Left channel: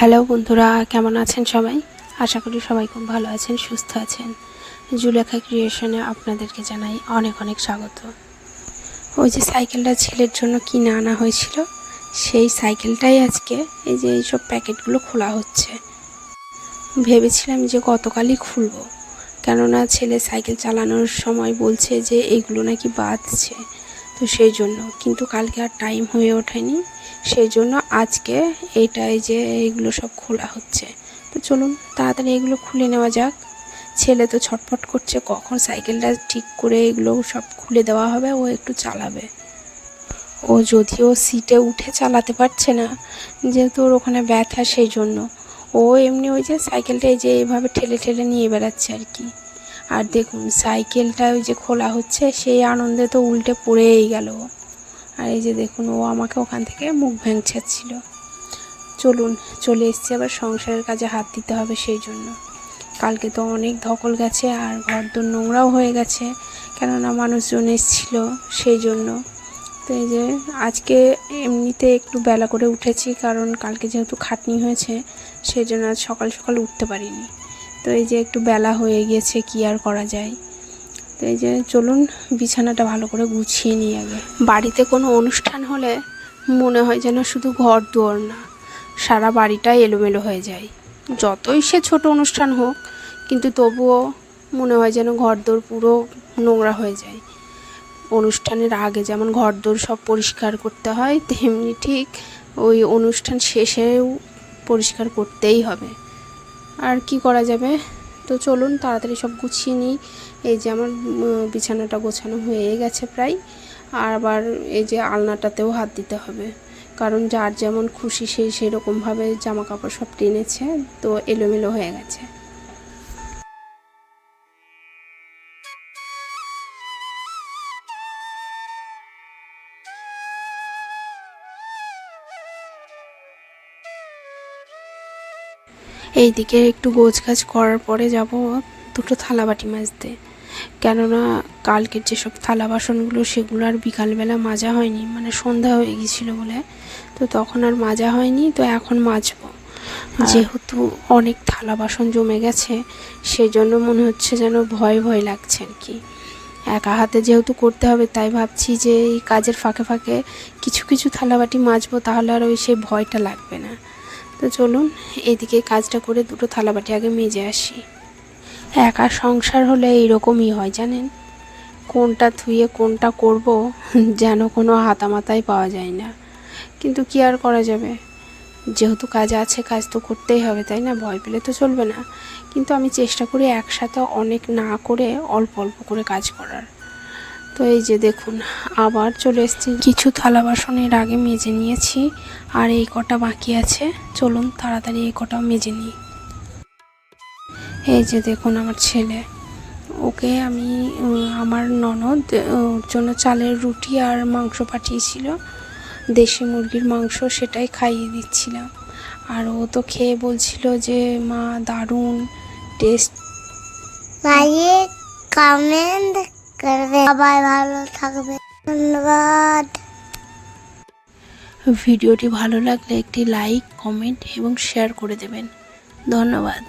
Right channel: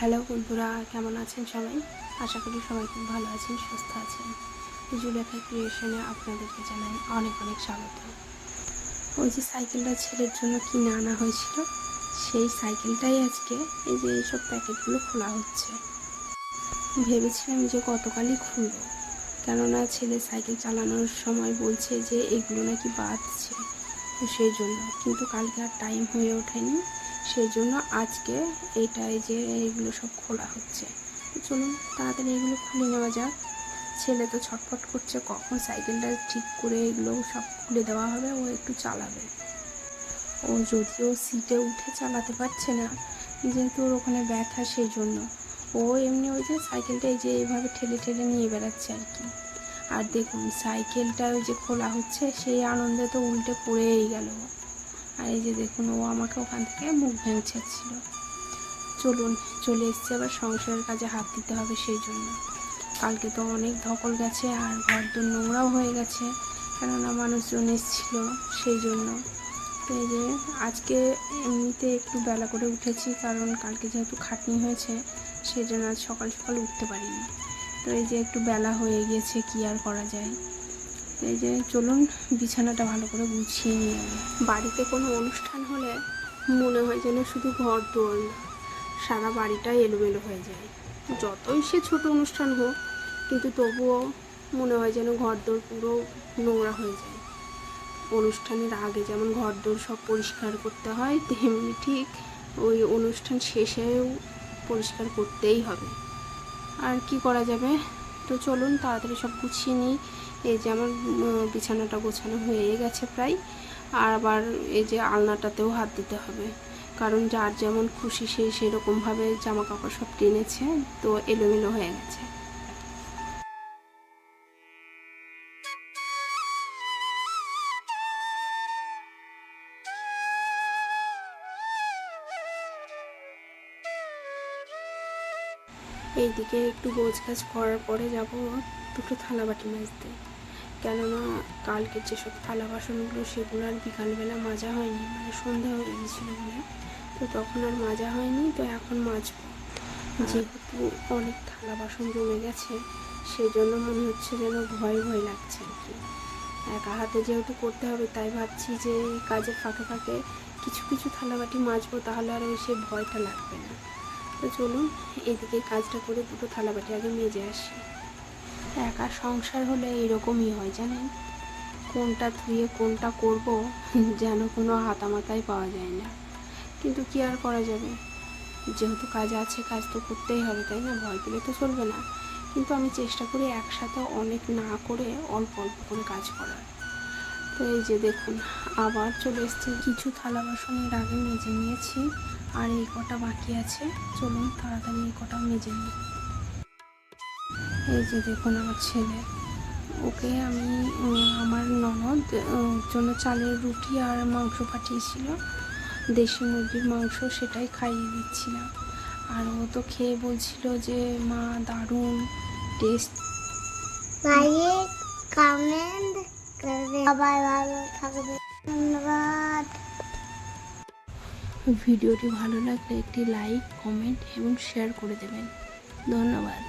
Hello বন্ধুরা, কেমন আছেন সবাই? আশা করি সবাই খুব ভালো আছেন, সুস্থ আছেন। জুলেখা ক্রিয়েশনে আপনাদেরকে জানাই অনেক অনেক স্বাগত। ওই যে সাইকেলটা ছেলের জন্য কিনে আনা হয়েছিল, সেই সাইকেলটাই আজকে এই যে এইসব প্যাকেটগুলো খোলা হচ্ছে। ভেবেছিলাম যে গতকালই খুলবো, কেননা ছেলে সাইকেল চালানোর সময় বলছে যে এইগুলো নাকি বাজছে, তো সেই জন্য। কিন্তু কালকে আর টাইম হয়ে ওঠেনি, সেই জন্য আজকে এইটাই যে এইগুলো সব খোলা হচ্ছে। তো চলুন তাড়াতাড়ি এগুলো খুলে নেওয়া যাক। ছেলে তো ছটফট করছে কখন সাইকেলটা ঠিক করে এগুলো সব খুলে দেওয়া হবে, ও একটু চালাবে। ও যদিও সিটে উঠে চালাতে পারছে না, যেহেতু ওর ওখানে ব্যথা, সেই জন্য ও এমনি ওই যে সাইকেলটা এই যে এইভাবে ঠেলে ঠেলে নিয়ে বেড়াচ্ছে আর কি। আর দেখুন সাইকেলটা ওই যে খোলা হচ্ছে, সেই আনন্দে তো উল্টে পড়েই গেল। আর এই যে দেখুন ও আমাকে ওখান থেকে মুখ ভেঙচাচ্ছিল। চলুন, চলে এসেছি আবার সংসারের কাজে হাত দিতে হবে, সেই জন্য। কালকে তো অনেক ধকল গেছে আর ঘরদোর নোংরাও হয়ে গেছে, কেননা মানুষজন এসেছিল, সেই জন্য। তো এই যে আজকে এমনিতে একটু বেলা করে উঠেছি, কারণ কালকে যেহেতু খাটনি হয়েছে, সেই জন্য আজ সকাল সকাল উঠতে পারিনি। তো এই যে একটু বেলা হয়ে গিয়েছে, কি আর করা যায়। তো এই যে চলুন বিছানাটা ভালো করে গুছিয়ে নিই আগে। বাড়িতে কোনো অনুষ্ঠান হলে মনে হয় যেন শুধু ঘর দুয়ার না, সারা বাড়িটাই এলোমেলো হয়ে যায়। যতই সে ছোট অনুষ্ঠান হোক, কিন্তু তবুও মনে হয় যেন ঘরদোর পুরো নোংরা হয়ে যায়। অনুষ্ঠানের আগে যেমন ঘরদোর সব পরিষ্কার করতে হয়, তেমনি ঠিক ওই অনুষ্ঠান শেষেও পরিষ্কার করতেই হবে। আর কি করা যাবে। তো চলুন তাড়াতাড়ি সব গুছিয়ে নিই। এই যে আমার বিছানাটা গোছানো হয়ে গেছে প্রায়। আর আবার এই যে আলনাটাতেও হাত দিতে হবে, কারণ যার যেমন খুশি সেই সেরকমভাবে জামা কাপড় সব টেনেছে, তো এলোমেলো হয়ে গেছে। এইদিকে একটু গোছগাছ করার পরে যাব দুটো থালাবাটি মাজতে, কেননা কালকের যেসব থালা বাসনগুলো সেগুলো আর বিকালবেলা মাজা হয়নি, মানে সন্ধ্যা হয়ে গিয়েছিলো বলে, তো তখন আর মাজা হয়নি। তো এখন মাজবো, যেহেতু অনেক থালা বাসন জমে গেছে, সেই জন্য মনে হচ্ছে যেন ভয় ভয় লাগছে আর কি। একা হাতে যেহেতু করতে হবে, তাই ভাবছি যে এই কাজের ফাঁকে ফাঁকে কিছু কিছু থালাবাটি মাজবো, তাহলে আর ওই সেই ভয়টা লাগবে না। তো চলুন এদিকে কাজটা করে দুটো থালাবাটি আগে মেজে আসি। একা সংসার হলে এইরকমই হয় জানেন, কোনটা ধুয়ে কোনটা করব যেন কোনো হাতামাতাই পাওয়া যায় না। কিন্তু কি আর করা যাবে, যেহেতু কাজ আছে, কাজ তো করতেই হবে, তাই না? ভয় পেলে তো চলবে না। কিন্তু আমি চেষ্টা করি একসাথে অনেক না করে অল্প অল্প করে কাজ করার। তো এই যে দেখুন আবার চলে এসেছি, কিছু থালা বাসনের আগে মেজে নিয়েছি, আর এই কটা বাকি আছে। চলুন তাড়াতাড়ি এই কটাও মেজে নিই। এই যে দেখুন আমার ছেলে, ওকে আমি আমার ননদ ওর জন্য চালের রুটি আর মাংস পাঠিয়েছিল, দেশি মুরগির মাংস, সেটাই খাইয়ে দিচ্ছিলাম। আর ও তো খেয়ে বলছিল যে মা দারুণ টেস্ট। লাইক কমেন্ট করবে, সবাই ভালো থাকবে, ধন্যবাদ। ভিডিওটি ভালো লাগলে একটি লাইক, কমেন্ট এবং শেয়ার করে দেবেন। ধন্যবাদ।